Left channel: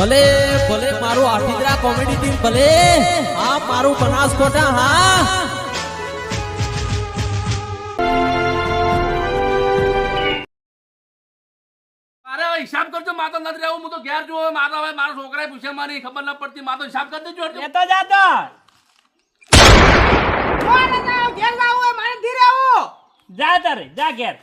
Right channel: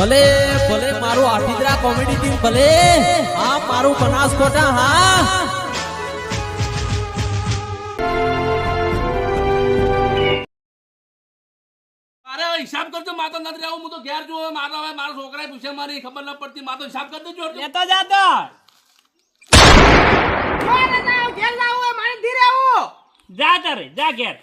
ભલે ભલે મારું આઠિદ્રા કોમેડી ટીમ ભલે હા મારું બનાસકોટા હા. અરે હવે હિસાબ કરજો માતો નથી રહેવું હું તો ઘેર જોઉં મારા હવે મારા છોકરાએ પૂછે મારી ખબર ન પડતી માતો હિસાબ કરી દેજો. લેતો જાતો જા તારે જા ઘેર.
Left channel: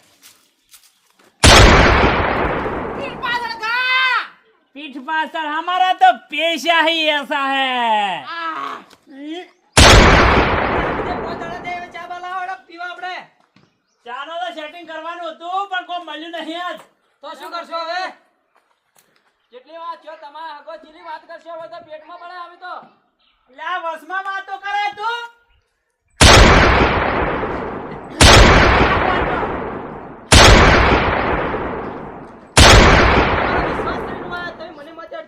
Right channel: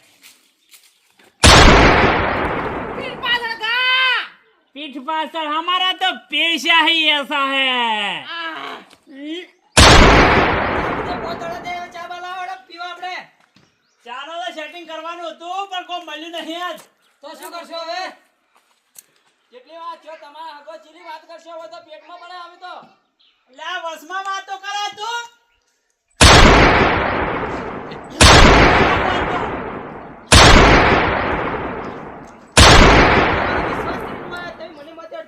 पीठ पासल हमारा तो पेशा ही ऐसा है ચાલો તો સેટિંગ કરવાનું હતું પણ કોઈ મળ્યું નહીં આજ તો શું કરશો હવે કેટલી વાત છો તમારા હગો ચીલી વાત કરશો હવે તો પેટમાં પડે હવે તો લા વસમાં વાતો કરે તું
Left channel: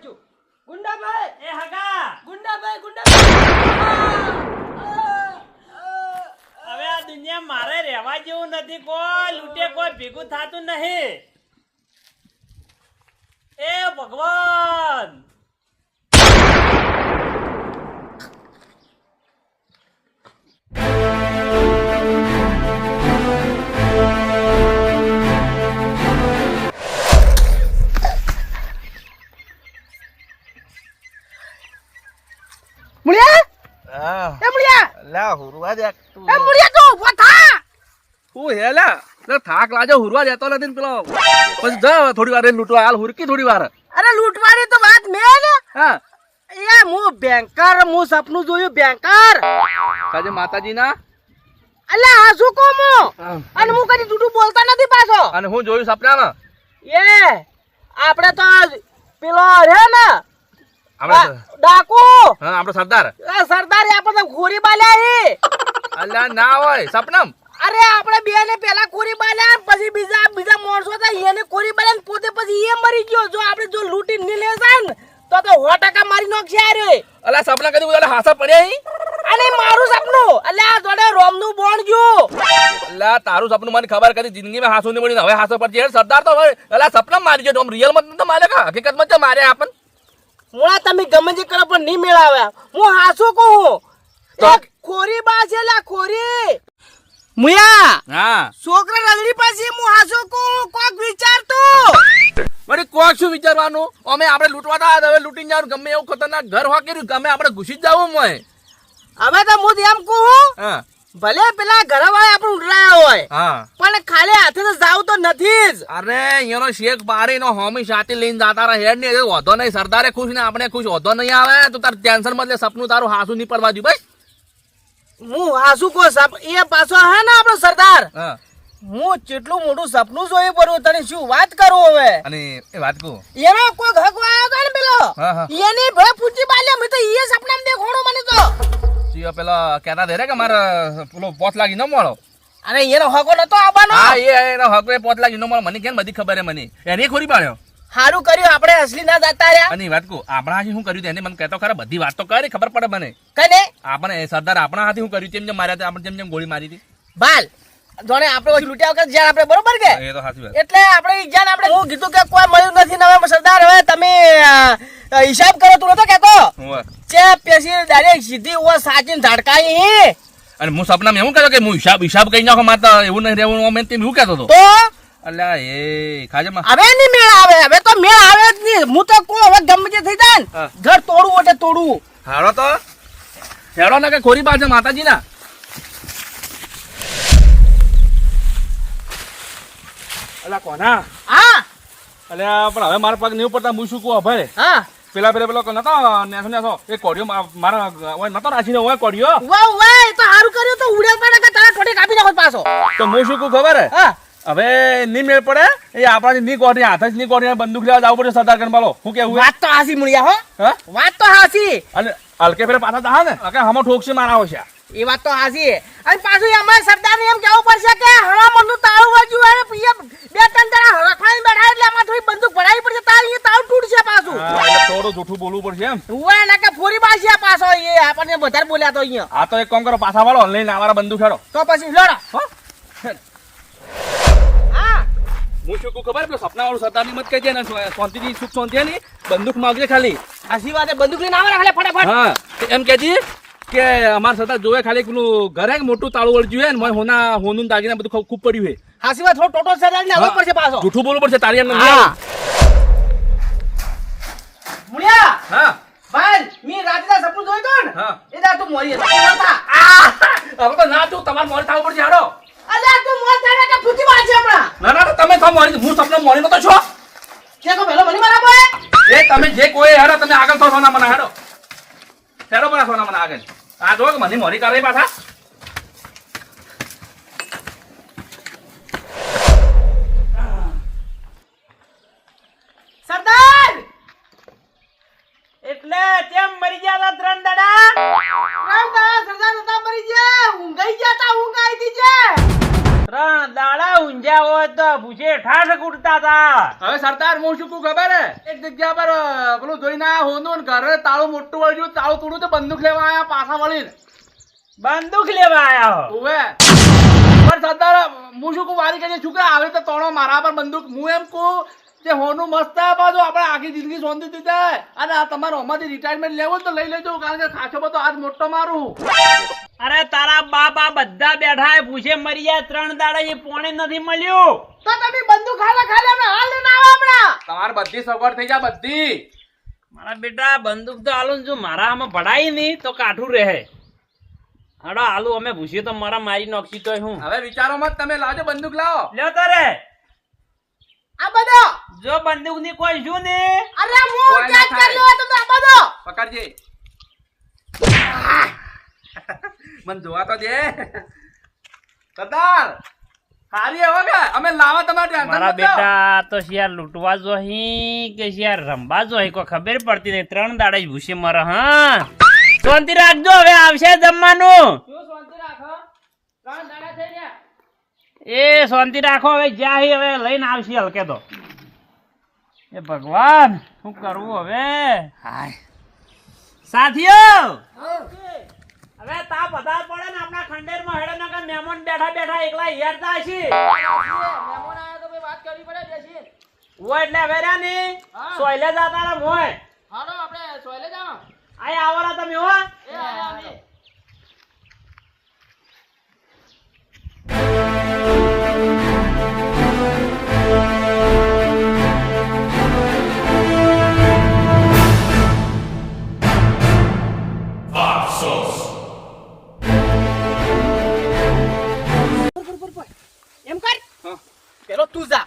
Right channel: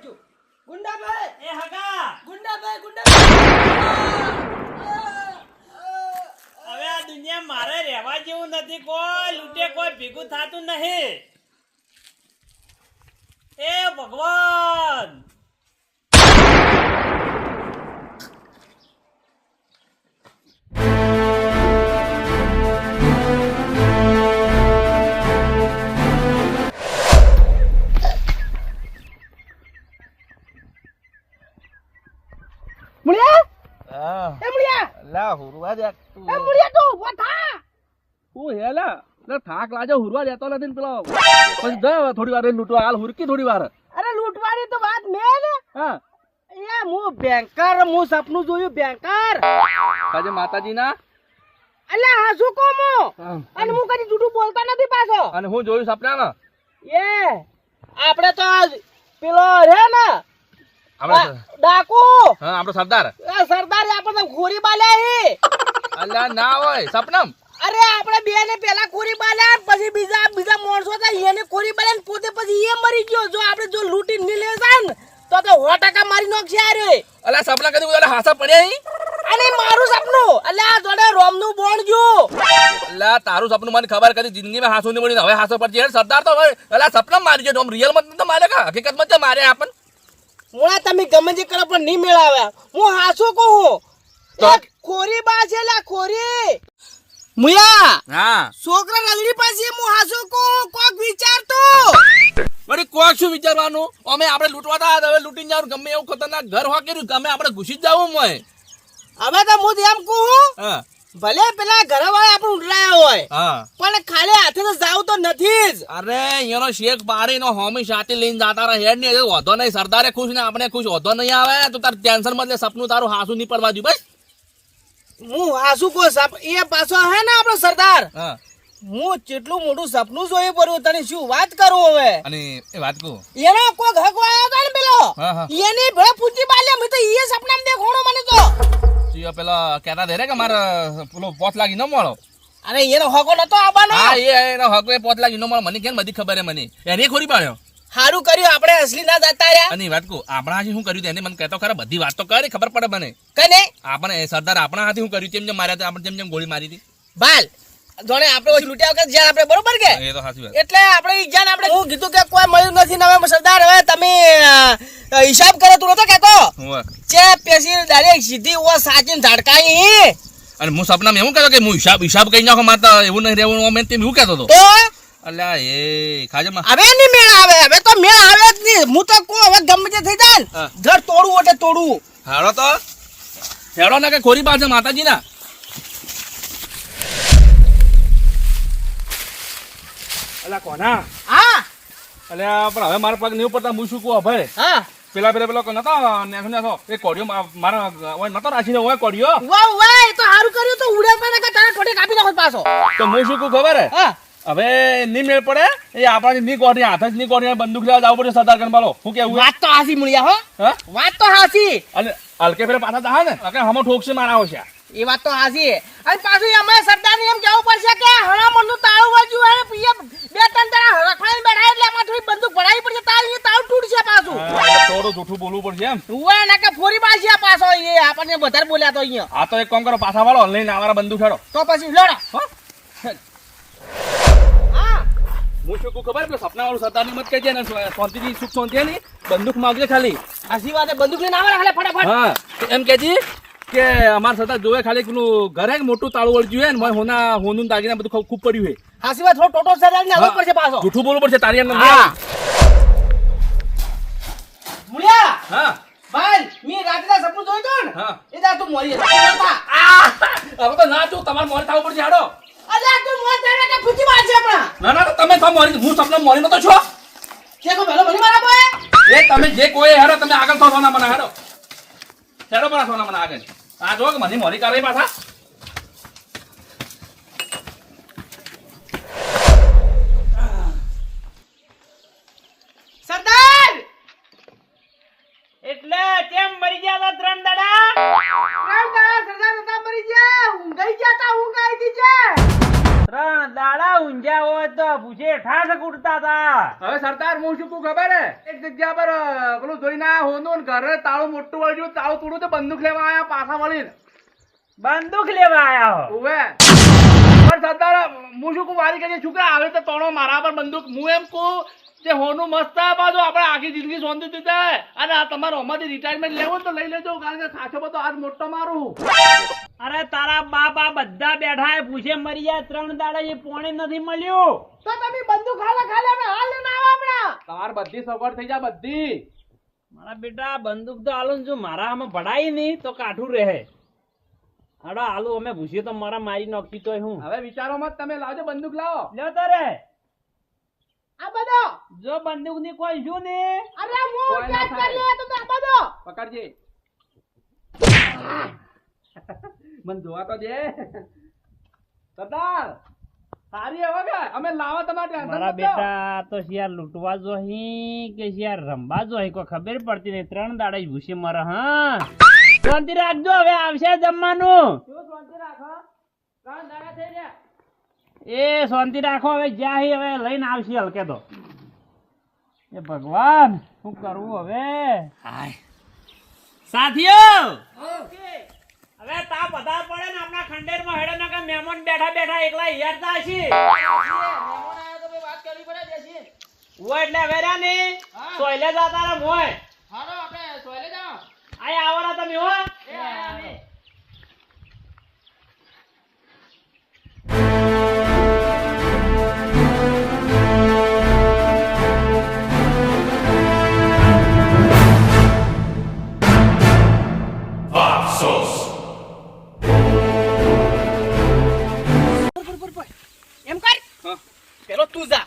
મને ગુંડાભાઈ! એ હગા! ગુંડાભાઈ ગુંડાભાઈ! હવે આ દુનિયા મારે રહેવા જેવું નથી. કોઈ લૂંટે કોઈ ભેગું થતું નહીં. એ ભગવાન! મુળિયા? એ મુળિયા! લા હુરવા દે તું. એ મુળિયા તું ઊભો થા! હે લા. લે થાક લાજો હુરવા દેતો નથી ને પેલો. પછી જા થોડી વાર લૂંટવા. હાલ હુરકી થોડી વાર. અરે લૂંટવાની તો વાત મેં ને. હા. યા હું બેંકર હું સપનું જોયું બેંકર કાજે માતાજીના? અલ્યા હા શું કહું હું. અને હું કદી જૂઠું બોલતા નથી પાછો. અને હું જોયું સપનામાં? એ આપણે તો પેલો રે ને ડાકુ! હા આપણો સરદાર. એ સરદારે ખોરી બાલ્યા ના હોય સપનમ. અરે આપણે બે ને પેલા ખોરી બાલ્યા પછી બીજા બીજા માણસો હતા એને ખોરી બાલ્યા પોતે પછી એ મરી ગયો. જો આપણે જો લૂંટી ને લે જાય ને તો તો સો ટકા મારી નાખશે અરે અલા સપના કદી ઉદાલે હાસા પડ્યા ઈ અને મારું સપનું? અલ્યા આ જોડે રોમનું બોણ ગયું તારું સપનું મને ખબર કદી જિંદગીમાં હાસું નહીં મળી હવે હાસો પડશે સરદાર તો અલ્લા સપના મારી ગયો રોમ રિયલમાં તો મારે કા? હકીકતમાં તો મારે આપણ. મુળા તમે ગમે તે કરો પણ નહીં મેળાવ્યા. હું હાસો કહું. ખોરી બા છે લા ખોરી. મુયા! હા. છોકરા રલડી પાસે હું હાસો કહું કોક વિચાર તો વળી કોક શું વિચારવાનું? અમે આપણે લૂંટવા તા હવે લૂંટી જવાનું. ગમે એવું ખતરનાક ઘર હોય કર્યું ગમે આપણે ઘૂસી જ જવું મોય હવે તો હું એમ કહું. હા. ભલે પેલા ઘર વાળા આપણે ઉડરાયા હોય પણ ખાલી હાથે તો જાવ તો નથી જ. અરે અહીંયાનો શેખ પાડીનો હોમી સાથી લઈને જાતા રહે હેડ ને વધો નહીં સરદારે ખુશ ને આપણે ખુશ વધો નહીં આવે તો તાર ટેન્શન બદલે સપનું તારું હાસુ નહીં પડવા દઉં ભાઈ. હું હાસુ કો સપ એ પાછો હે ને આપણો સરદાર? હા. કેટલું મોટું સપનું જોયું પડ્યું તને શું વાત કરું હવે? અને એ વાત કહું? એનો કોઈ હક આવ્યો હતો ને પેલો. એની ભે પૂછી બાલ્યા મેં તો એ સપનામાં દેખોણો મને તો. જીઓ પેલા કહેતા દે રે કે મારે પેલો પોત લાગી ન મળો. અરે એનો હકો નતો આવવાનો? હા એ એનો હકો એ પોત લાગી ન મળો. મને કેમ બધી ખબર હે મને. એને ખોરી પાડ્યો. સારું કર્યું આપણે અસલી ના જતા રહ્યા. અને વાત કહું આપણા હાથી શું કર્યું એને મને કહેતો ખરા બધી વાત તો કરે ખબર પડે મને. કને? આપણે સરદાર આપણા હાથી શું કર્યું તેમ જેમ માર્યા આપણે જેમ જેમ ગોળી મારી હતી. બાલ જોણે આપણે પછી લૂટ્યા વખત જ્યાં આપણે બરોબર કે? એ તો સાચી વાત. એટલે આપણે જ્યાં આપણે હું કીધું કે કોઈ મળ્યું નથી ને હવે સરદાર હવે તમે હિસાબ કરે તું નતો કેતો ચે પેસી ડાયરેક્ટ સીધી ઓ સાચી ઝાડકાઈ અને હું સપના એવું કહેતો કે હું હિસાબ હિસાબ કહી નાખો માતા એવું નહીં રહેવું અમે તેમ એવું કહેતો હતો. તો? અલ્યા એ ખાજે માં. હવે નહીં મેળ આવે હવે તો મેળ આવે જ નહીં. હું તો કહું હવે ગમે તે થઈ જાય ઘર તોડવું એટલે તોડવું. હારો તો. હેડો ને કે ખોરી પાસે માતાજી ના અલ્યા કોના? હા. અલ્યા પણ હવે મારા પગ નહીં પડતા હું શું કહું ભાઈ હા. પેલા પેલા પેલો નતો નેસો નેસો. એ કોડિયો મારા ઓય નતો રાખીને ઓય કોડિયો વાહ વાહ એ તો હારું કર્યું. તો ઉડે પડે કે તારા ઠોડી કાપી નાખો પાછો. તો હું શું કહું ખબર? હે. હા હવે ની મેળ પડે? એ આપણાથી ની કોડી હાથ જ ની કોડી બંદૂક લેવા જવું પડે સરદાર ગણબાલો શું કેવું? વાત તો હાસી મળ્યા હો. હા? વાત તો હાસી. અને હલકે ફેરે પાછા દા ને? કે હમો ઠોકશે મારા આવશે એ વાત તો હાસી. અને પાછું એમાં સરદારને એમ કેવું પડશે કે હવામાનનું તાળું તાવ અને પછી એમ બે ત્રણ જણા રખડાઈને બેઠા એટલે એમાં થોડી બંદૂક ભરાવી પડશે તાર એ તાળું તૂટશે પાછું થોડું જૂઠું બોલવું પડશે એમ? ઉવા ના કે ફોરી બાજી પાછો એ આપણને વધારે બોલ્યા તો અહીંયા. આ તો એક કામ કરો પાછા વાળો લઈને અમારા બંધુ ખેડો. તો પછી લડો. હા? હું. શું કહું ખબર? પેલો સપનાવાળું સરદારની મત કહેજે ને શાંતિથી સુખ શાંતિ ની બંદૂક માગજે ખાલી. વાત બંદૂક લઈને આવે ખાલી ફટાફટ. હા એમ કેજી કે અમાર સરદાર જોવે ખાલી પેલું ઘરે મોટું તાળું વળજ્યું જોઈએ ને મને હોના હોનું દાગીના બધું ખૂબ- પડ્યું છે હાસી વાત થોડો ટોટો સરદાર ને આવવો પડશે પાછો. જૂઠું બોલવું પડશે તારી હા. મુળિયા હા. ભાઈ મી રાત્રે સપનું જોઈ તો ને? હા. એ દા તું મોરી આ હવે તો ના તું તમારે મોરી થાવ પડશે હાડો અલ્યા તું મોર થાય કે ફૂટી વાજે હમણાં. ના ના તમે તો મોરી હું સપના મોરી નતો છો. કે કો ભલો મને મારા બોય એ તમે જે કોઈ હેડો તમે આગળ થો સોના મને હેડો હેડો પણ સોના મને આગળ. આ જો કે મને મોરી કરે પાછા. ઠાઠ કૂટતા તા. હવે સરદાર હું શું કહું ખબર હે? એક જગ્યા પર પેલું જોઈને આયા હોનું ને ઘરે તાળું મોટું વળ્યું તાળું તોડ્યું તો બંદૂક લેવા આયા પાછા વળીને. બંદૂક લેવા આયા ઓવે પણ સરદાર હું શું કહું વારી કરીએ છું આવે તો તોણો મારા પર બંદૂક. હું એમ કહું કે હોનું મસ્ત આ બાજુ આપણે આખી જિંદગી સોંધી જાય અને આ તમારે અમારી રિટાયરમેન્ટ લેવું તો લઈ લેજો કારણ કે ખાસો બધો આજ મોટો મારું. અરે તારા બાપા બધા બેઠા હે પૂછે મરી ત્રણ દાડા એ પોણે નથી મળ્યું? તો તમે બંદૂક ખાલે ખાલે અમે હાલ લઈને આવો હમણાં. તમારે બધી સગવડ થઈ જાય બધી. મારા બેટા બંદૂક તો આલું ને જો મારા આમાં ભડાઈ નહીં તો કાઠું રહે. હડો આલુ અમે ભૂસી તો મારા મારી નોખી તોય હું. હવે વિચારો મત તમે લાવજો બંદૂક લાવો. લ્યો તારે આ બધો. જો બંદૂકની કોઈ શું ને? અરે હું કેચ. લો તો આ બધો? પકડજે. મને જોવા તો દે. સરદાર હારી હવે કે? અમે લાવા તમારે ટેન્શન મારા બેટા તો શિયાર લૂંટવા જો હી કે શિયાર રમવા જોહી? કોઈ ખબર પડતી નહીં. ત્રણ દાડા જ ભૂસી મરે હા. શાંતિ રાખજો હવે આવશે જમવાનું. એ શાંતિ રાખો હવે જ્યાં હી હવે લઈને આવશે હલકે તો. એ ભગવાન શું કરવું હવે? હાય. સાથીઓ! હવે તા બધા પડે ને આપણા ખંડેરમાં હેડે કે મહેમાન બેઠા બેઠા એકલા યારતા હશે. મહેમાન આયા તો ભાઈ વાત કરવી પડે બેસી. ઓ એટલે હવે રહ્યા ને સોયલે જતા રહે મોય. હાલો આપણે સોયલે જાઓ. આય આવરા તમે હો. એ આયા અમે. એમ કર. હા. પેલો તું જા.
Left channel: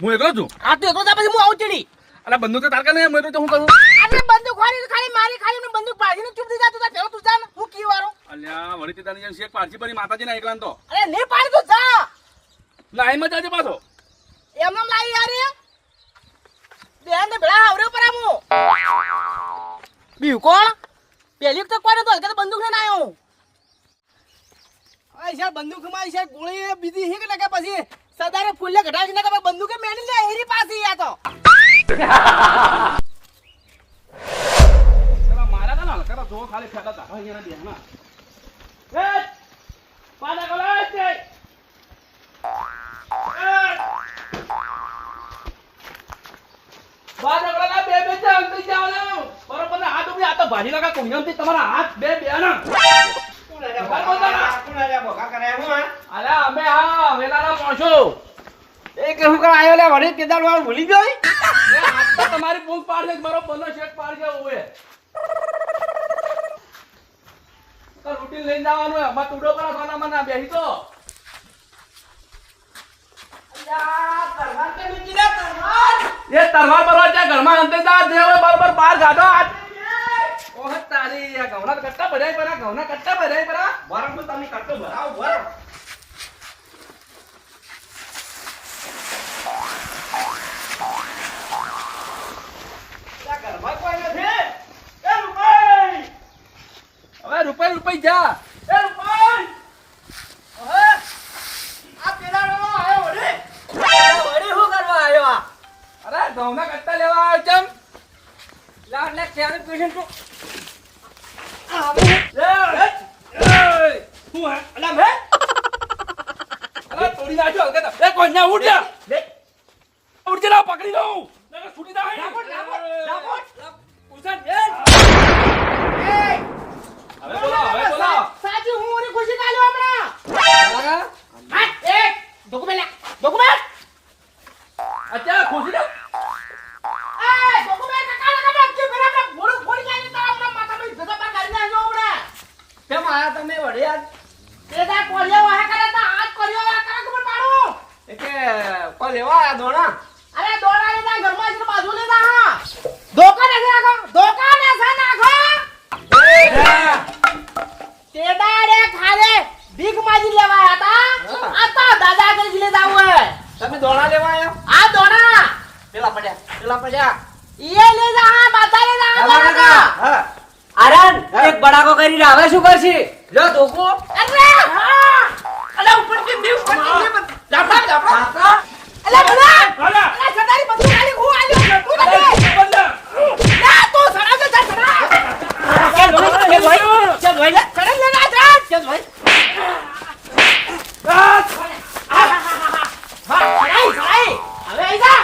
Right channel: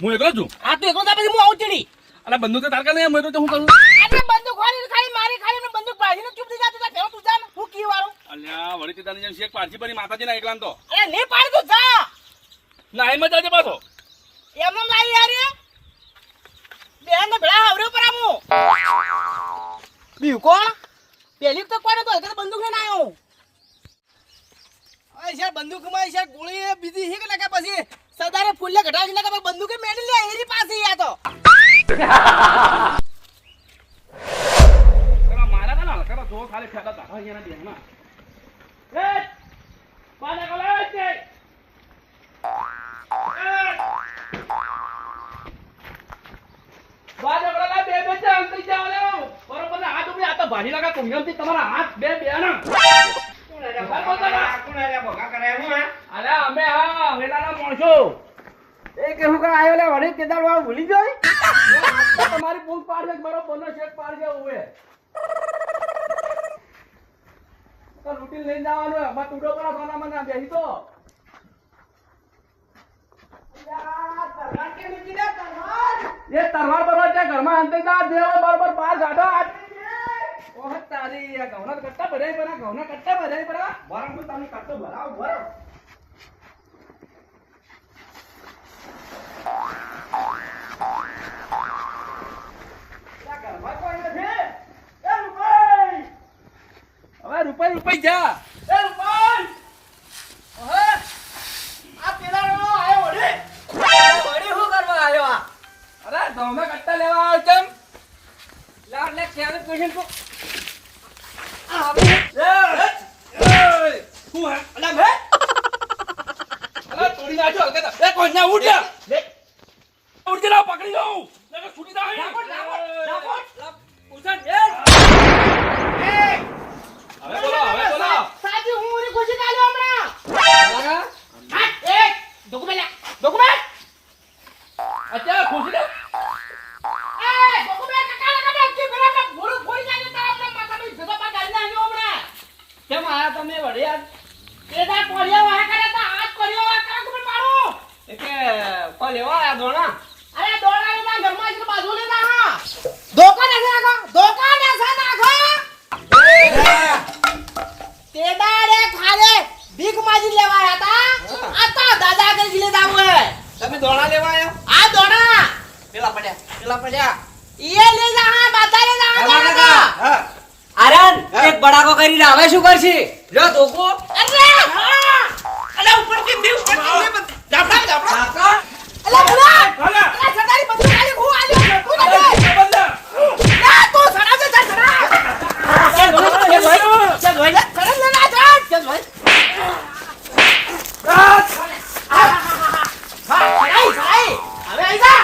હું એકલો છું? હા તો એકલો જા પછી હું આવું ચડી. અલા બંદૂક તો તારકા નહીં મેં તો હું કરું? આપણે બંદૂક વાળી ખાલી મારી ખાલી ને બંદૂક પાડીને ચૂપ થઈ જા તું પેલો તું જા હું કી વાળું. અલ્યા વળી તે તને જેમ શેખ પારસી પરી માતાજીના એકલા તો. અરે ને પાડ તું જા. ના એમ જ આજે પાછો. એમ નામ લાઈ યાર એ. બેન ને ભેળા આવરે પર આમું બીજું કોણ? પેલી વખત કોણ હતો હલકે તો બંદૂક લઈને આવ્યો અરે સાહેબ બંદૂકમાં સાહેબ ગોળી બીજી હી કે કે પછી સદારે ફૂલે ઘટાડી ને કે બંદૂકે મેલી લે એની પાસે આ તો. પેલા મારા ના ના કરા જો ખાલી ફેડા તારા અહીંયા બેહના. એ પાડા કોલા છે બાજા પેલા બે બે ચાલ થઈ જાવ ઊભી આ તો ભાજી લગા કોંગમથી તમારા હાથ બે બે ના અરે અમે હા વેલાના પહોંચો એ કે હું કર આયો લે વળી કેદાર વાળ ભૂલી ગયો તમારી પૂંછ પાડ દે મારો બંને શેક પાડ દે ઓએ તો રૂટીન લઈને જવાનું હે મત ઉડો કરા સોના બેહી તો. એ તરવાર બરવાર છે ઘરમાં અંતે જા જે બરોબર બહાર કાઢો. આ ઓહ તારી આ ઘઉંના કટ્ટા ભરાય પરા ઘઉંના કટ્ટા ભરાય પરા. વરમ તો તમે કટ્ટો ભરાવ હવે રૂપાઈ રૂપાઈ જા. એ રૂપાઈ! આ પેલાનો આયો વળી. વળી શું કરવા આયો અરે ઘઉંના કટ્ટા લેવા આવ્યો ચમ લાડ લે ક્યારે પેશન્ટ પકડી લઉં છૂટી જાય હવે બોલો હવે બોલો. સાચી હું ખુશી કાઢ્યો હમણાં હાથ, એક ડોક્યુમેન્ટ લે. ડોક્યુમેન્ટ અત્યારે ખુશી લે એ ડોક્યુમેન્ટ કાકા લગા દે કે બરાબર ભોળું ફોડી જાય તારા હમણાં માથામાં ભેગા પાર ગાડી નાખ્યો હમણાં કેમ આયા તમે વડે આજ એદા કોળિયો વાહે કરે તો હાથ કોળિયો વાહે કરે ખબર પાડું એ કે કોઈ લેવા આયા દોણા અરે દોડા લીધા ઘરમાં છે બાજુ લીધા હા ધોકા ને નાખો ધોકા ને સા નાખો તે દાડે ખાલે ભીખ માજી લેવા હતા આ તો દાદા કરી લેતા હોય તમે દોણા લેવા આયા આ દોડા પેલા પડ્યા પેલા પડ્યા ઈએ લે જા હા બાધા લે જા હા દોડા. હા આરન એક બડાકો કરીને હવે શું કરશે લો ધોકો અરે હા અલે ઉપર કેમ દે ઉપર કેમ દે જાપડા જાપડા અલે બોલા હાલા અલે સદારી બધું ખાલી હું આલ્યો તું દે બંધ ના તું સડા દે સડા ચાલ ભાઈ ચાલ ભાઈ ચાલ ભાઈ સડા લે ના જા ચાલ ભાઈ ભાઈ ભાઈ હવે આઈ જા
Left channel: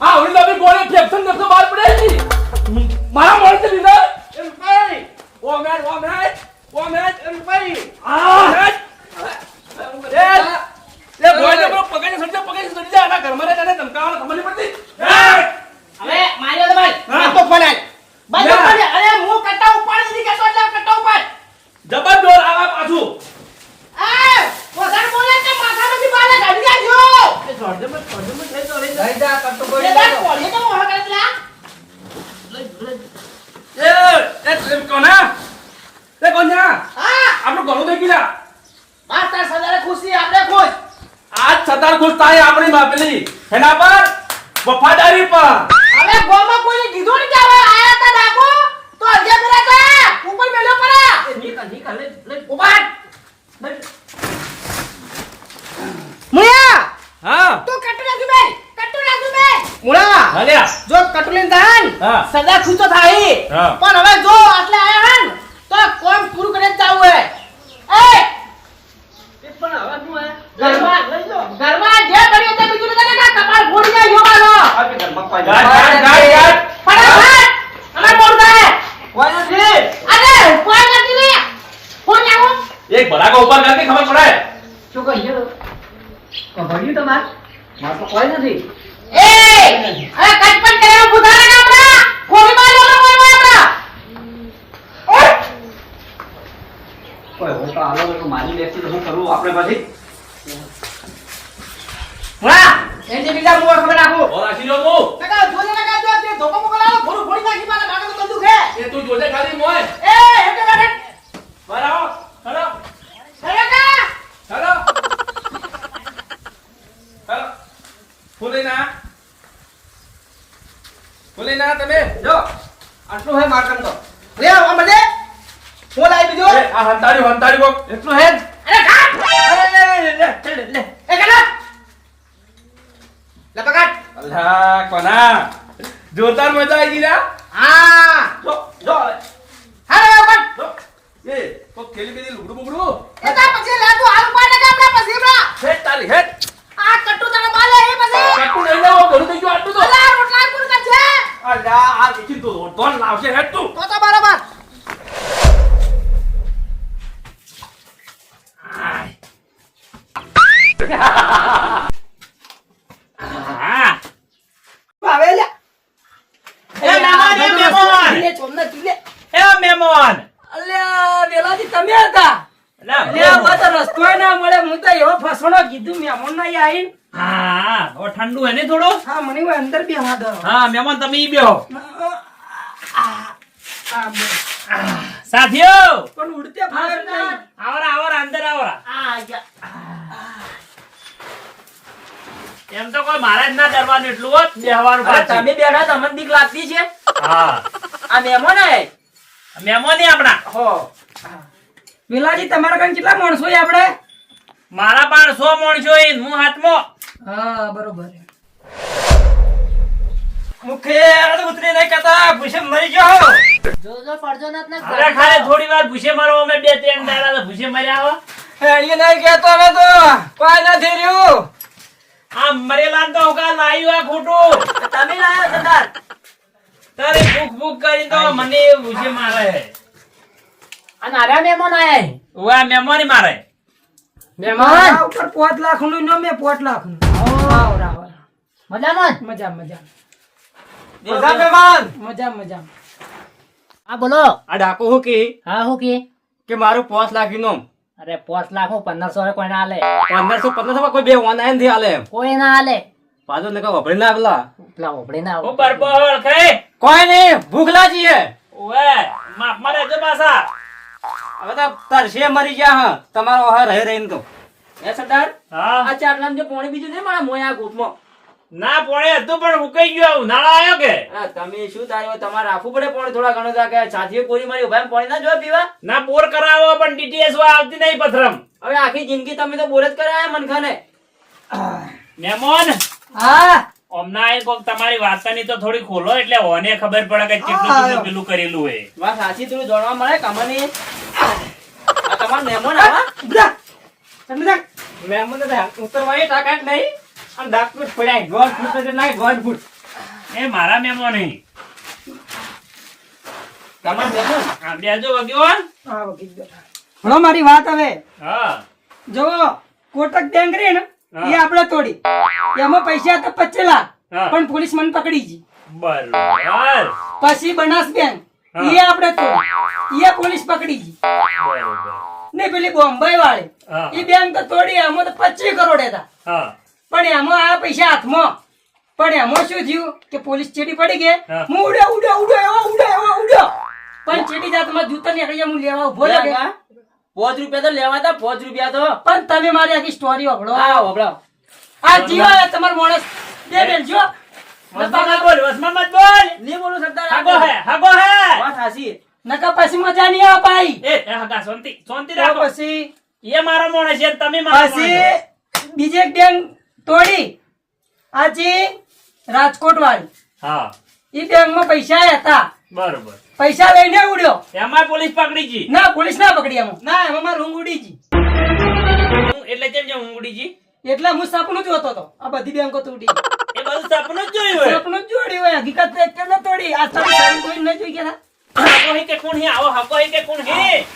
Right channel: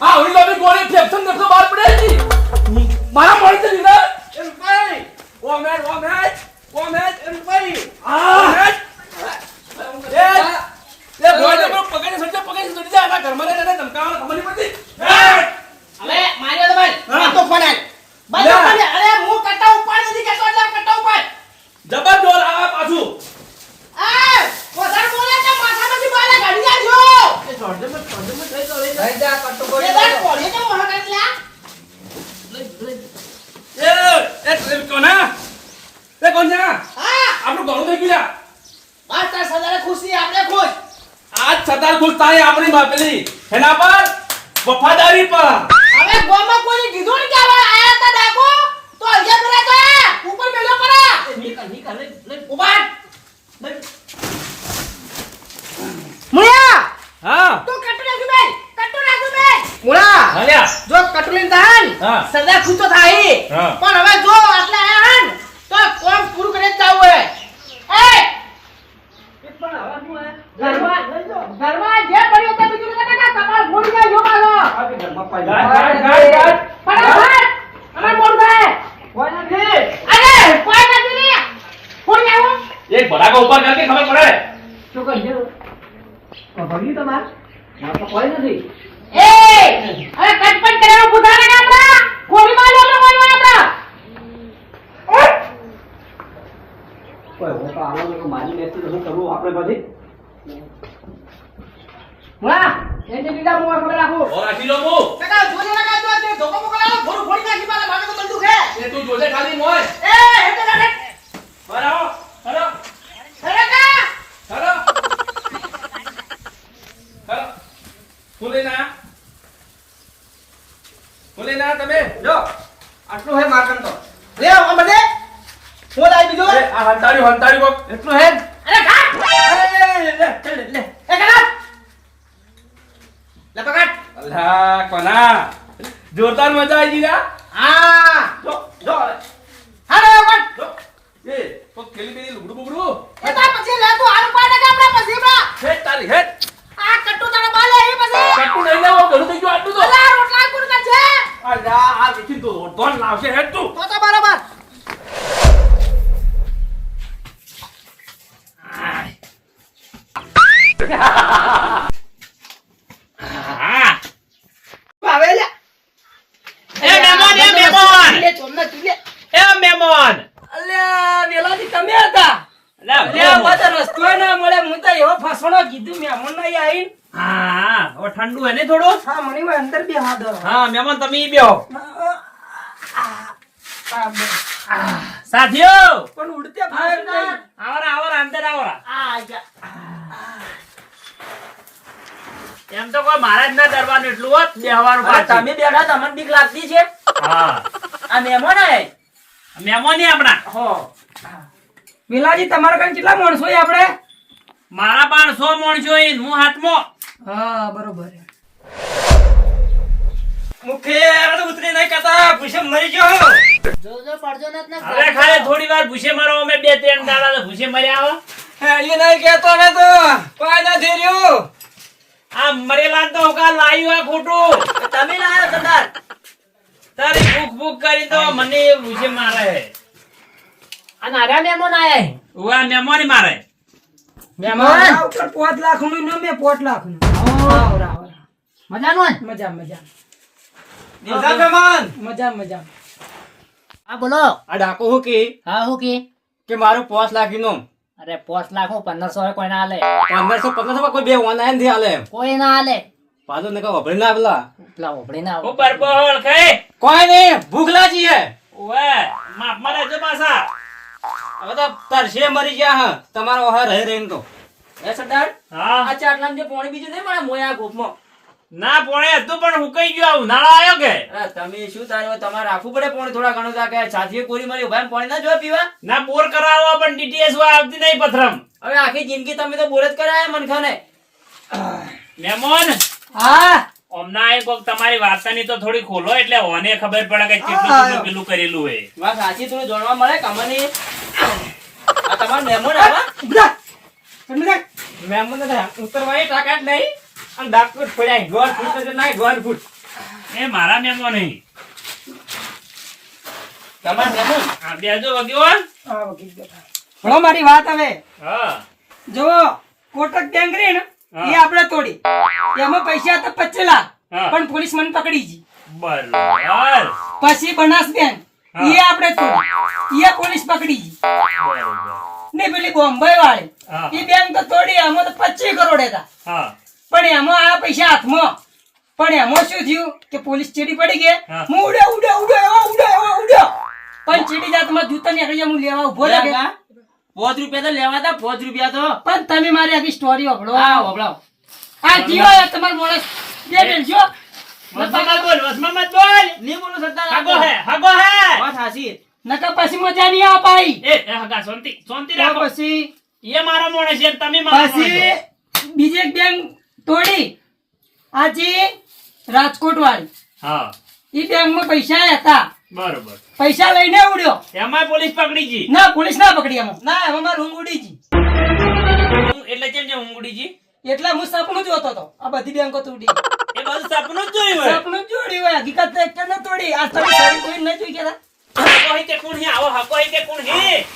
આ ઓલી તમે ગોળે ફેક્શન નતો બહાર પડે મારા મોડે તો લીધા એમ કઈ ઓ મેચ ઓ મેચ ઓ મેચ એમ કઈ આ એ લે બોય તો પેલો પકડીને સડી જા પકડીને સડી જા એના ઘરમાં રહે એને ધમકાવવાનો ખબર નહીં પડતી હવે માર્યો તો ભાઈ આ તો ફોન આલ ભાઈ તો ફોન આલ. અરે હું કટ્ટા ઉપાડી નથી કહેતો એટલે કટ્ટા ઉપાડ જબર જોર આવે પાછું એ વધારે બોલે તો માથામાંથી બાલે કાઢી નાખજો ભાઈ જા કટ્ટો એ બોલી તાર કોળીએ તો મોઢા કાઢી લા. એ એ કોના એ કોના હા આપણું ઘણું થઈ ગયું બસ તાર સદારે ખુશી આપણે ખુશ આજ સદાર ખુશ થાય આપણી બાપલી એના પર વફાદારી પર હવે ગોમાં કોઈને કીધું નહીં કે હવે આયા તા ડાકો તો અજે કરે તો ઉપર મેલ્યો પરા નીકળ નીકળ લે લે ઉપાડ મુયા હા. તું કટ્ટુ નાખી બે કટ્ટુ નાખી બે મુળા હાલ્યા. જો કટલીન દાન હા. સદા ખુશ તો થાય. પણ હવે જો આટલે આયા હન તો કોણ પૂરું કરીને જ જાવું હે એ! પણ હવે શું હે? ઘરમાં ઘરમાં જે કર્યું તે બીજું નથી કે કપાળ ફોડી નાખ્યો મારો ગાડ ગાડ ગાડ ગાડ ફટાફટ. અમે મોડ કોઈ નથી. અરે કોઈ નથી ને. ફોડી નાખો એક ભડાકો ઉપર કરકે ખબર પડે? ભણ્યું તમાર? માર તો કોઈ નથી. એ! અરે કટપટ કરેલો બુધા ને આપડા ફોડી માર તો કોઈ આપડા કોઈ હું તો આલો તો મારી લેતી તો હું કરું આપણે પછી? મુળા એની બીજા મોર ખબર નાખું ઓ રાખી લો મુ કાકા જોજે કાકા તો તે ધોકો મોકો ભરું થોડું નાખી પાછા માગે તો દુખે એ તું જોજે ખાલી મોય. એ હેતે હેટે બરાબર હેલો કાકા હેલો હેલો હું આ હું લઈને આ તમે? જો આટલું હે મારકન તો. લે આ મને. હું. લાવી દીધો આ હંતાડ્યું હંતાડ્યું એટલું હે અરે ખા અરે લે લે લે લે લે લે એ કાકા લે પકડ અલ્લા કોના? જોરદાર મજા આવી ગઈ ના હા. જો જો હારે પકડ એ કોક ખેલી બેલી લુગડું બુગડું? એ તા પછી લે તું હાલ પાડે કે આપણે પછી બરા? હેટ તારી હેટ આ કટ્ટુ તને બાલે એ પછી. કટુ લઈ લેવો ઘણું થઈ ગયું આટલું તો. અલા રોટલા કોણ કરશે અલા આ દેખી તો ધોન લાવશે હેટ તું. તો તો બરાબર. હા આવે લે એ મહેમાન, એ મહેમાન. લે ચોમને ચીલે એ મહેમાન અલ્યા વેલાજી તમે હતા લે, અલ્યા પાછો રસ્તોય ના મળે હું તો એવો ફસવાનો કીધું મહેમાન ના આઈ હા હવે ઠંડુ હે ને થોડું? હા મને હવે અંદર બે દો. હા મહેમાન તમે ઈ બેહો. સાથીઓ! પણ ઉડતે ફાયર નહીં. આવરા આવરા અંદર આવરા. આ એમ તો કોઈ મહારાજ ના દરબાર એટલું હોત બેહવાનું તમે બેઠા તમને બીક લાગતી છે. હા. આ મહેમાન હે મહેમાન આપણા. હો. બિલાજી તમારા કાન કેટલા માણસો આપણે? મારા પણ સો માણસો ને હું હાથમો. હા બરોબર. મુખે અરે ઉતરી નહીં કહેતા ભૂસે મરી ગયો જોજો પડજો નત તને અરે ખાલે થોડી વાર ભૂસે મારો અમે બે ત્રણ દાડા તો ભૂસે મર્યા હો. એ નહીં કહેતો હવે તો. કોઈ નથી રહ્યું. આ મરેલા તો કાલ લાયું આ ખોટું. તમે લાયો સરદાર. તારે ભૂખ ભૂખ કરી તો મને ભૂસે મારે. આ નારા મેમોન આયા ઉવા મેમોન મારે. મહેમાન. ઉપર લાખનું ને મેં પાંચ લાખનું. મજાનો ને? મજા મજા. બધા મહેમાન. મજા મજા. હા બોલો. આ ડાકુ હું કી? હા હું કે? કે મારું પાંચ લાખનું અરે પાંચ લાખ હું પંદરસો કોઈ ના હાલે પંદરસો પંદરસો કોઈ બે ઓનલાઈનથી હાલે કોઈ ના હાલે પાછો ને વપરી ના પેલા પેલા ઉભરી ના કોઈ નહીં ભૂખ લાગી હે. માપ મારે જો પાછા. હવે તો તરસે મરી ગયા હા. તમારો હા રહી રહીને તો એ સરદાર હા. આ ચાટલામાં જે પોણી બીજું નહીં મારા મોયા ગોપમાં ના પોણે હતું પણ ઉકાઈ ગયું આવું નાળા આવ્યો કે? તમે શું તારે તમારે રાખવું પડે પાણી થોડા ઘણો તા કે સાથીએ કોરી મારી ઊભા પાણી ના જો પીવા? ના બોર કરાવો પણ ડીટીએસ આવતી નહીં પથરમ હવે આખી જિંદગી તમે તો બોર જ કરાયા મનખાને. મેમોન હા. હમણાં એ કોક તમારી વાર્તાની તો થોડી ખોલો એટલે ઓને ખબર પડે કે કેટલું કેટલું પેલું કરેલું હોય. વાત સાચી થોડું જાણવા મળે કમાની તમારો મહેમાન આવા જા. મહેમાન ઉતરવાની તાકાત નહીં. અને ડાકુ પડ્યા ગોળ ફૂટ તો નહીં ગોળ ફૂટ. એ મારા મહેમાન નહીં. તમારો મહેમાન આ બેજો વગ્યો હા, વકીલ બેઠા. હળો મારી વાત હવે. હા. જો કોટક બેંક રે ને એ આપણે તોડી. એમાં પૈસા હતા પચેલા. પણ પોલીસ મને પકડી ગઈ. બરોબર. પછી બનાસ બેંક. એ આપણે તો એ પોલીસ પકડી ને પેલી બોમ્બે વાળી. એ બેંક તો તોડી આમાં તો પચીસ કરોડ હતા. હા. પણ એમાં આ પૈસા હાથમાં. પણ એમાં શું થયું કે પોલીસ ચીડી પડી ગઈ. હા. ઉડે ઉડે ઉડે એવા ઉડે એવા ઉડે પણ ચીડી જાતમાં જૂતા નીકળી હું લેવા ઊભો લાગે. પોચ રૂપિયા તો લેવા હતા પોચ રૂપિયા તો. પણ તમે મારી આખી સ્ટોરી વાપરો. હા વપરાવ. આ જીવા તમારો માણસ. બે બેન જો. પછી મજા નહીં આવે ભાઈ એ એ હાગા શાંતિ શાંતિ તો રાખો. પછી એ મારા મોણે છે તમે મારા મોણે છો. પછી બીજે બેંક તોડી. આજે રાજકોટ વાળી હા. એ બેંકમાં પૈસા હતા. બરોબર. પૈસા લઈને ઉડ્યો. એમાં પોલીસ પકડી ગઈ. ના પોલીસ ના પકડી એમાં. ના એમાં મારું ઊંઘ ઉડી ગઈ. એટલે કેમ છે ઊંઘડી ગઈ? એટલે હું સપનું જોતો હતો. આ બધી બેંકો તોડી એ બધું સપનું જ જોયું હોય. સપનું જ જોડ્યું હોય. હકીકત તો એક ન તોડી. આ સારી સારી કોઈ નહીં જોઈ ગયા હકો હે તે કોણ હે? આવો હકો હે તે કોણ હે?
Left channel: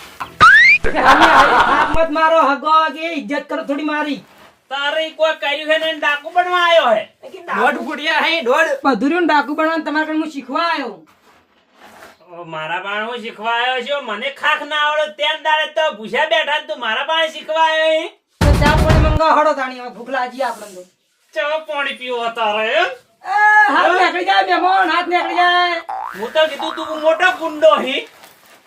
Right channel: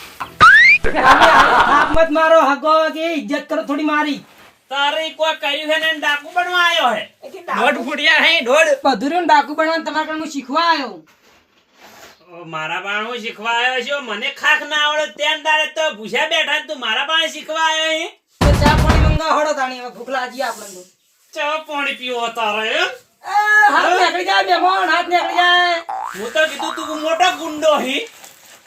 મત મારો હગો કે ઇજ્જત કરો થોડી મારી. તારે કોઈ કર્યું છે ને ડાકુ બનવા આવ્યો હે? દોઢ ફૂટિયા હે દોઢ. બધું ડાકુ બનાવવાનું તમારા ઘરે હું. શીખવા આવ્યો મારા પાસે હું શીખવા આવ્યો છું મને ખાખ ના આવડે દાડે તો ભૂસ્યા બેઠા ને તું. મારા પાસે શીખવા આવ્યો હે? તો ચા પાણી મંગાવો હળો તાણી ભૂખ લાગી આપણને ચો પાણી પીવો તારે હે? હાથ નીકળી જાય મહેમાન હાથ નીકળી જાય. હું તો કીધું તું મોટો ગુંડો હી.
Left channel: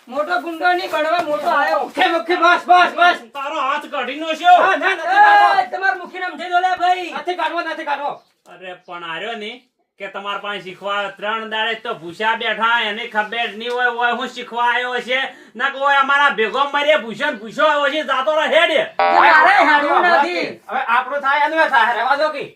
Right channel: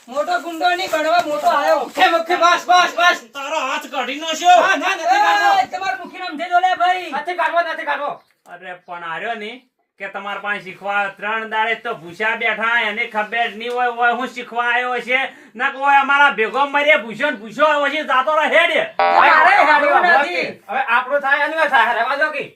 મોટો ગુંડો નહીં બળવા મોટો આવ્યો મુખે મુખે બસ બસ બસ. તારો હાથ કાઢી નો ના ના નથી કાઢવો એ, તમારું મુખી નામ થઈ દો ભાઈ. નથી કાઢવો નથી કાઢવો અરે પણ આર્યો ને કે તમારા પાસે શીખવા ત્રણ દાડે તો ભૂસ્યા બેઠા એને ખબર નહીં હોય હોય હું શીખવા આવ્યો છે. ના કે હોય અમારા ભેગો મરે ભૂસો ને ભૂસ્યો આવ્યો છે જાતો હેડે. અરે હાડવું નથી. હવે આપણું થાય એનું થાય રહેવા દો કી.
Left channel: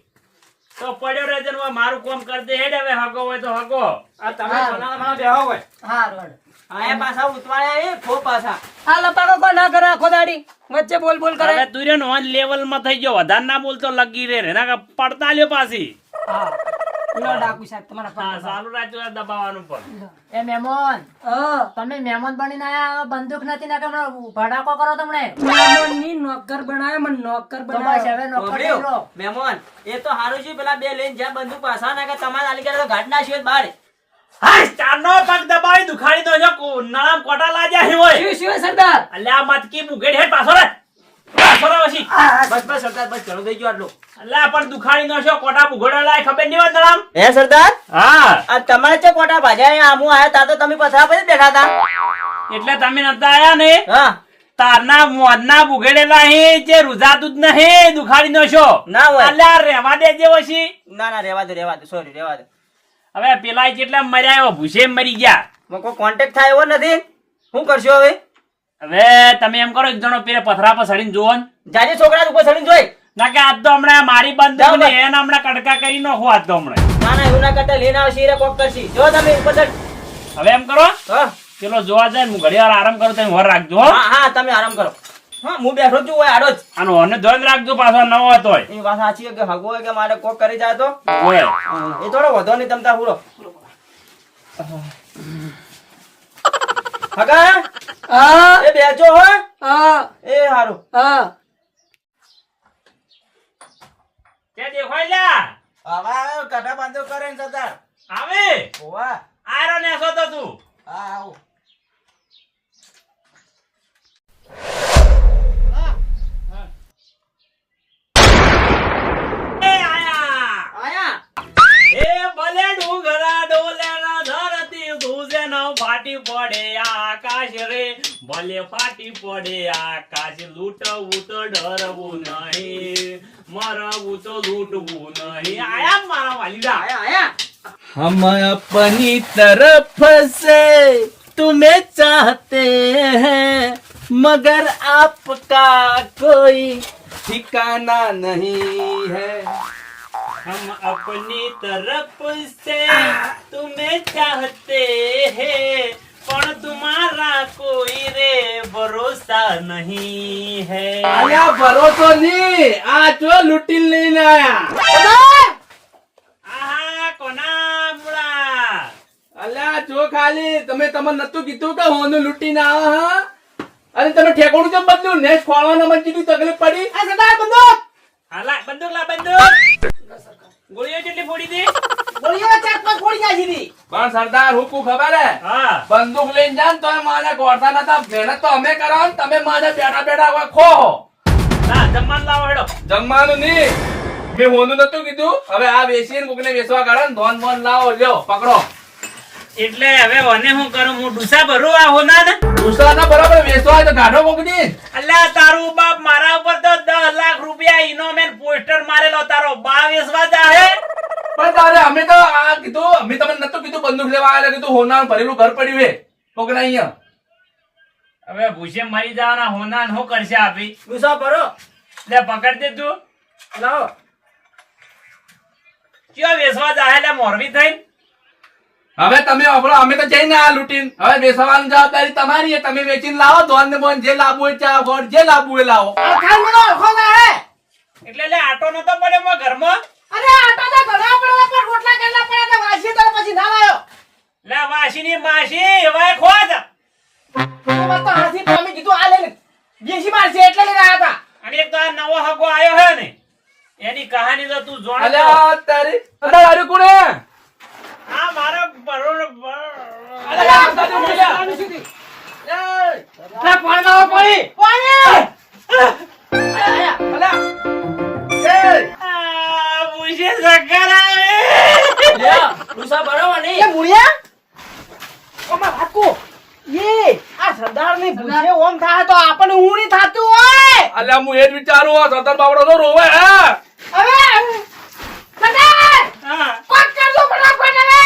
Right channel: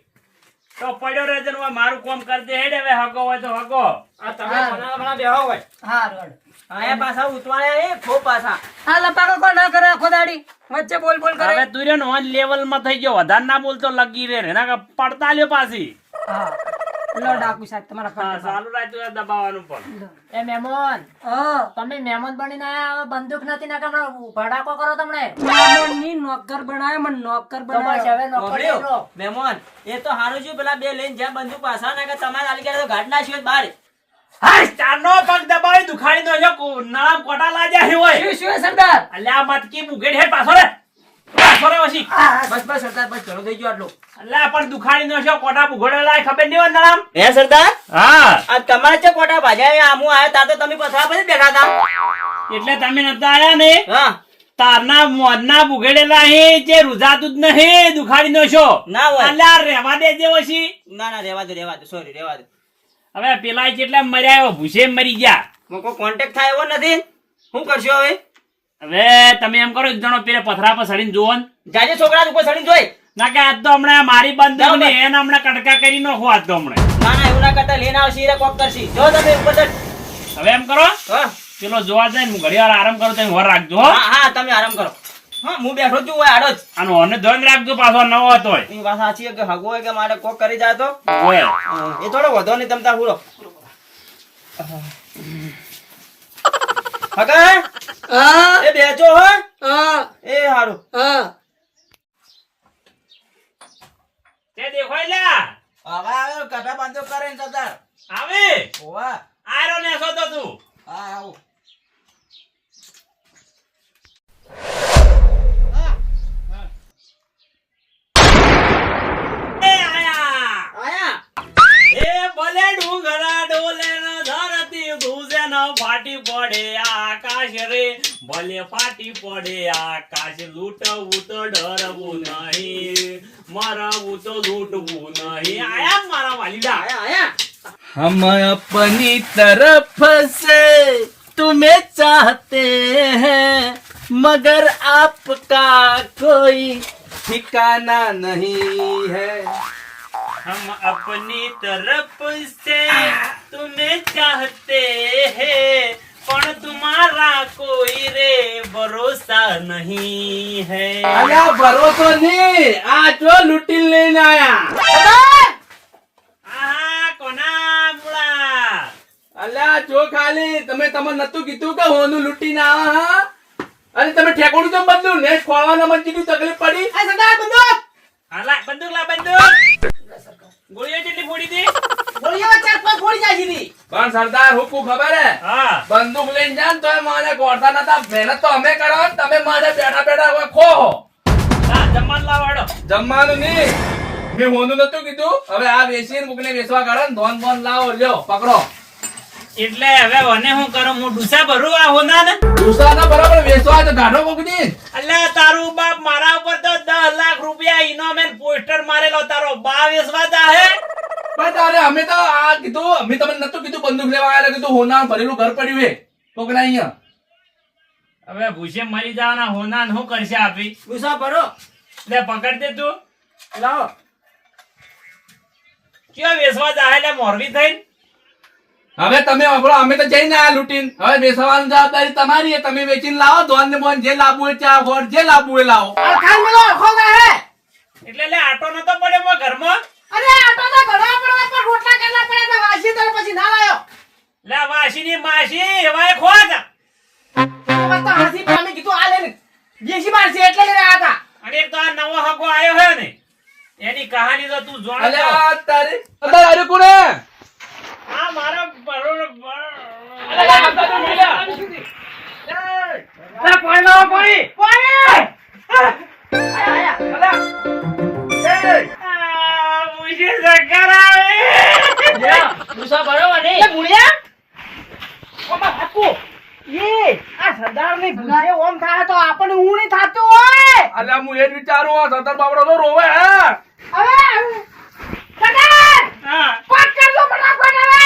તો પડ્યો ને હવે મારું કોમ કરજે હેડે હવે હગો હોય તો હગો. આ તમે બનાવવા બનાવવા બેહો હોય હા રોડ આયા પાછા ઉતવાળ્યા એ ખો પાછા. આ લટાડો કોઈ ના કરે આખો દાડી. વચ્ચે બોલ બોલ કરે. હવે તું રહ્યો લેવલમાં થઈ ગયો. વધારે ના બોલતો લગી રે ને ના પડતા લ્યો પાછી. હા. લો ડાકુ સાહેબ તમારા પાસે ચાલુ રાખ્યું દબાવવાનું પણ. એ મહેમાન તમે મહેમાન બનીને આયા બંદૂક નથી ના કે ભડાકો કરો તમને? મહેમાનની નોકર બનાવ્યો મને નોકર બનાવ્યો હવે નોકર મહેમાન એ તો હારું છે પેલા બે લઈને જ્યાં બંદૂક પાછા નાખે તમારે આલી ગયા તો ઘાટ નાખ્યો જ બહાર. હા ચારનો પગ દબાવી દુખાડી દો છો કો- નરમ કોટા લાગ્યા હે હોય. શું શું સરદાર? અલ્યા મતકી મુગેડ હે પાછો રે. પાછો રે બસ બસ સરદાર બસ ઘણું થઈ ગયું આટલું. અલ્યા પણ દુખાડી નો છો કોટા મુગડો ખબર નહીં હોય નરમ? હે સરદાર? હા. તમારે છે કોટા ભાજ્યા આમું આયા તા તો તમે પથરા પર જ બેઠા હતા એટલે તમે નતા આયા ને? હા. તારના મોરના બુગડેલા હે જે રૂજાતું જ નહીં દુખાડી નો છો ના હોય. રેવા ના ના રેવા દો રેવા દો સોરી રેવા દો. હવે પેલા કેટલા મર્યા એવો ભૂસે મરી ગયા. કોન્ટેક્ટ થાય એવો નથી? શું કરશો હવે? હવે તમે એમ કરો એક જણો પેલે પથરા પર સડીને જુઓ. જાજે છોકરા ઉપર સડીને જોઈ. ના કે આજ તો હમણાં મારી બંધ ને. એને હમણાં કડકા કરી નાખો આજ તો હમણાં. ના ના એવું ના કરતા લઈને આવશે રે કોક કરશી. જો તમે ઉપર ચડ. હવે એમ કરો પેલો જોવા જાય હું ઘડી વાર આરામ કરું તમે હોર રાખજો હા. હા તમે આરામ કરો. હા હું બેઠો છું હોય આડો જ. અને ઓને રાખજો પાછો નવો હતો હોય. એ વાત સાચી કે હગો હોય કે મારે કોક કરી જાય તો? એ થોડો વધો નહીં તમતા હુરો. હગા હા. એ બેચો હે. હા. એ હારું. હા. તે દેખાય લ્યા. આવા કટા બાંધો કરે ને સરદાર. આવે. ઓવા આરો ને સો તો તું. હા આવો. એ આયા. આયા. એ ભલે ડુંગરા ડોલે ફાટી પડે આકાશ રે ભલે ફાટી પડે આકાશ લૂંટવું તો ડરવું નહીં મરવું તો લૂંટવું નહીં આયા મારા વાલીડા આયા આયા हम अपनी तरफ से तुम्हें चाहते हैं मगर आपका कोई ठिकाना नहीं है हम अपनी तरफ से तुम्हें चाहते हैं પણ तुम्हारा કોઈ રે ભરોસા નહીં है અલ્યા ભરોસો નહીં આ જો લૂંટી લઈને આયા આહા કોના મુળા અલ્યા જો ખાલી તમે તમને નતું કીધું કે હોનું લૂંટીને આવા હા અરે તમે ઠેકોડું તો બદલું નેટ ખોલવાના મને કીધું તકલીફ પડી આ સરદાર બંદૂક હાલા બંદૂક લા બંદૂક ગોળીઓ જેટલી ફોડી દે ગોળીઓ ચાર પાંચ ફોડી જાય સીધી પણ સરદાર હુકુ ખબર હે? હા. બંદૂક લઈને જાન તો મારે ગોળતા નતા. મહેનત તો અમે કરો ને તમે મારે બેઠા બેઠા હવે ખો હો. ના જમવાનું લાવો જમવાનું નહીં. મેં હોનું નતું કીધું. હવે આ બેસીને કોકને વેચવા કાઢો ને ધોન બોન લાવો લ્યો પકડો. એટલે હવે મને હું કરું? હું ડુસા ભરું આ હોના ને દુસરા બરાબર વેચવા હોય તો ગાઢો કોકની અલ્યા તારું બાપ મારા ઉપર તો દસ લાખ રૂપિયા ઇનોમેન પોસ્ટર મારેલો તારો બા વેસવા જાહે પણ તારે અમે તો આ કીધું અમે તમને નતું કીધું બંદૂક લેવા આવેલા કીધું હોના ભરેલું ઘર પડ્યું હે. કોકના અહીંયા. હવે ભૂસે મરી જવાના હોના શું કરશે આપી? ગુસ્સા ભરો. લે પકડ દે તું. લાવો. ક્યાં વેસવા જાય એટલે મોરબી થઈને. હવે તમે અભળો અમે તો જઈને આ લૂંટીને. હવે વેચવાની જવાબદારી તમારી તમે વેચીને લાવો ધોન ને બોન જે લાવવું હોય ચા ગોળ જે લાવવું હોય લાવો. એટલે લે આટો નતો પડે મો ઘરમાં? અરે આટો તો ઘણા પડે પણ રોટલા કેટલા પડ્યા તો વાસી તાર પછી ના લાયો. લે વાસીની માસી હવે ખોજ તો વાત તો હાથી અમે કીધું આ લઈને દેશી માર છે એટલે લઈને આયા હતા અને એક તો આ નવો હગો આયો હે ને એની કહાની તો તું જોડે તો. અલ્યા તારી અંદર આર્યું કોણે આ મારો બરોબર અલ્યા અંદર તો મળ્યા. લે. પાણી લાવો પાણી. પાણી! આયા અલ્યા. એ, આ ભૂસે ચક્કર આવે. ગુસ્સા ભરો ને એ મુળિયા? ફાકુ એ આ સરદારની ભૂસે ઓમ થાય તો આપણને હું નહીં થાતું હોય. અલ્યા હું એ જ વિચારું આ સતર બાબડો તો રોવે હે. હવે સરદાર હા. કોક કરજો ફટાફટ હવે.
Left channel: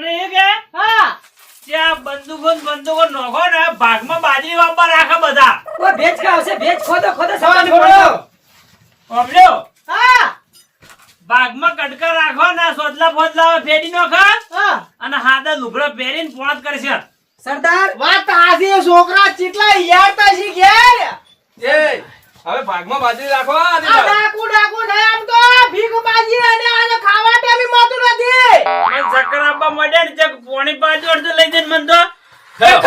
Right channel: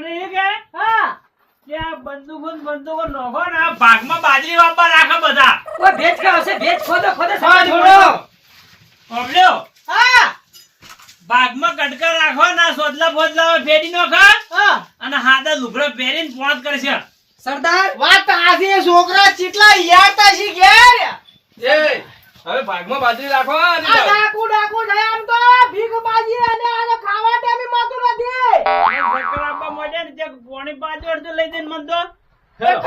ને કે હા. ત્યાં બંદૂકો ને બંદૂકો નોખો ને ભાગમાં બાજરી વાપવા રાખે બધા. ભેજ કે હશે ભેજ ખોદો ખોદો હા, સવારે થોડો. હા. ભાગમાં કટકા રાખો ના સોદલા ફોદલા ફેરી નોખા. અને હાથે લુગડો પહેરીને પોત કરશે. સરદાર. વાત આજે છોકરા ચીટલા યારતા છે ઘેર. એ હવે ભાગમાં બાજરી રાખો આ ડાકુ ડાકુ થાય આમ તો ભીખ બાજી અને આને ખાવા ટાઈમે મોતું નથી. અને ચક્કર આપવા માંડ્યા ને ચક પોણી પાછું અડધું લઈ જઈને મન તો.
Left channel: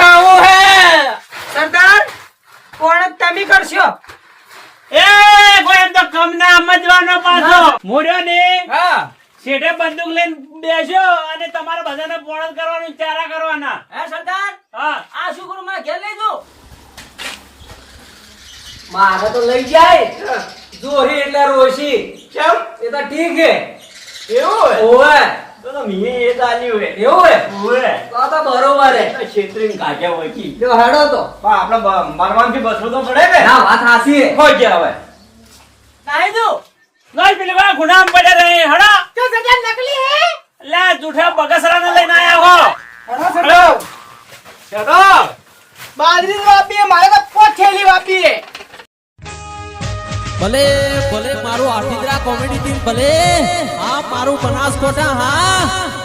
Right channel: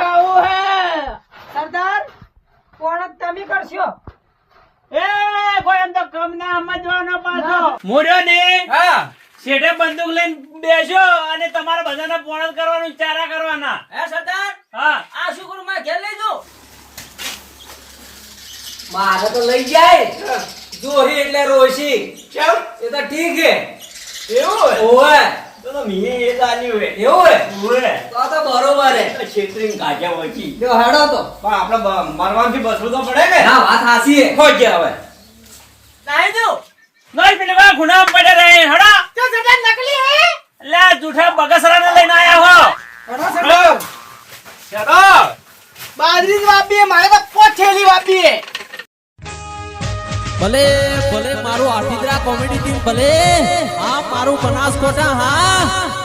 ખાવો હે. સરદાર કોણ તમે કરશો. એ કોઈ એમ તો કમ ના. સમજવાનો પાછો મોર્યો ને હા. શેઠે બંદૂક લઈને બેસ્યો અને તમારા બધાને પોણ કરવાનું ચારા કરવાના. હે સરદાર? હા. આ શું કરું મારે ઘેર લઈ જો મારે તો લઈ જાય. જોહી એટલે રોશી. કેમ? એ તો ઠીક છે. એવું હોય? તો તો મીએ એ જાણ્યું હે. એવું હે? ઓય તો તો બરોબર હે. તો છેતરીને કાઢ્યા વળગી. જો હેડો તો. પણ આપણે મરવાનથી બચવું તો પડે ને. ના વાત હાસી હે. ખોઈ ગયા હવે. નાઈ દઉં. નહીં પેલી વા ગુનામ પડે રહે હડા. તો સરદાર નકલી હે. લે જૂઠા બગસરાને લઈને આયા હો. અરે સરદાર ચાલો. બાજરી વાપી મારે તો પોઠેલી થેલી વાપી હે. ભલે ભલે મારું આઠીદરા કોમેડી ટીમ ભલે હા મારું બનાસકોટા હા